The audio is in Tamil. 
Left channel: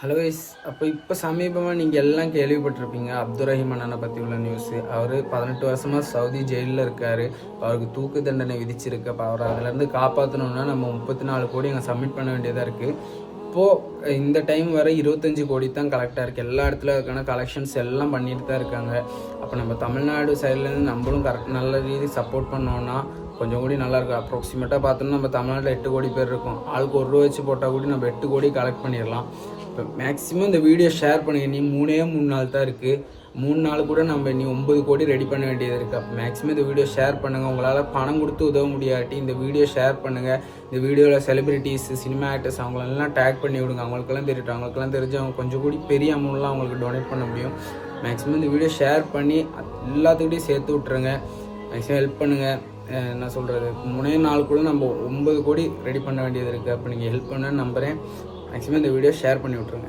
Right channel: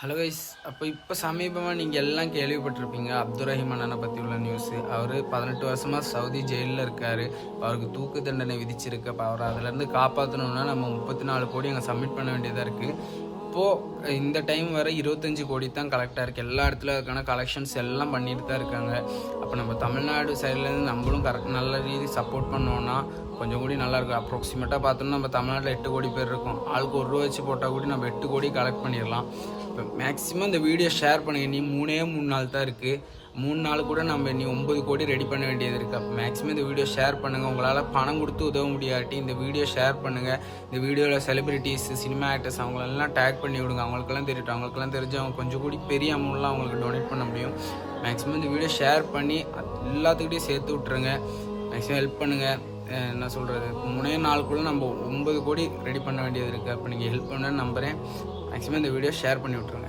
Hello guys. இப்போ சமீபமாக நீங்கள் எல்லாம் கேள்விப்பட்டிருப்பீங்க அப்துல் ரஹீம் அண்ணனை பற்றி உள்ள நியூஸு. அவர் 18 வருஷமாக சவுதி ஜெயிலில் இருக்கார். அவருக்கு தூக்கு தண்டனை விதிச்சிருக்கு. அப்போ அவரை அதிலேருந்து காப்பாற்றணுன்னா நம்ம 34 கோடி அங்கே சப்மிட் பண்ண வேண்டியதாக இருக்குது. இப்போது இந்த டைம் வர 25 கோடி தான் கலெக்டாக இருக்குது. எல்லா இடத்துல அதுக்கான கலெக்ஷன்ஸ் எல்லாம் பண்ணிட்டு தான் இருக்காங்க. அப்போ நம்ம தமிழ்நாடு சைட்லேருந்து நம்மளும் நல்ல ரீதி சப்போர்ட் பண்ணோன்னா கொஞ்சம் கூடி நல்லாயிருக்கும். அப்ராக்சிமேட்டாக பார்த்தோம்னா நம்ம தமிழ்நாட்டில் 8 கோடி பேர் இருக்கோம். ஆளுக்கு 1 ரூபா வச்சு போட்டால் கூட நம்ம 8 கோடி கலெக்ட் பண்ணிடலாம். இப்போ மேக்ஸிமம் இந்த வீடியோ ஷேர் பண்ணுங்கள். நீ 3 நாள் தான் இருக்குது. 3 நாள் கூட நம்ம 9 கோடி ரெடி பண்ண வேண்டியது இருக்குது. அப்போ மேக்ஸிமம் இந்த வீடியோ ஷேர் பண்ணுங்கள். உங்களால் பணம் கொடுத்து உதவ முடியாட்டி இந்த வீடியோ ஷேர் பண்ணுங்கள். இந்த வீடியோவில் செலிபிரிட்டிஸ், சினிமா ஆக்டர்ஸ் அவங்களெல்லாம் டேக் பண்ணி விடுங்க. அவங்களுக்கெல்லாம் தெரியட்டும். அவங்களுக்கெல்லாம் தெரிஞ்சு அவங்க கொஞ்சம் கூடி பெரிய அமௌண்ட்லாம் அவங்களுக்கு டொனேட் பண்ண முடியும். மேக்ஸிமம் இந்த வீடியோ ஷேர் பண்ணி எல்லாத்துக்கிட்டையும் சேர்த்து விட்ருங்க. மேக்ஸிமம் ஹெல்ப் பண்ணுங்கள். என்ன சொல்கிறது, 3 நாளுக்குள்ளே நம்ம 9 கோடி ரெடி பண்ண வேண்டியது இருக்குது. அப்போ நீங்கள் ஹெல்ப் பண்ண நம்புகிறேன். மேக்ஸிமம் இந்த வீடியோ ஷேர் பண்ணி விட்ருங்க.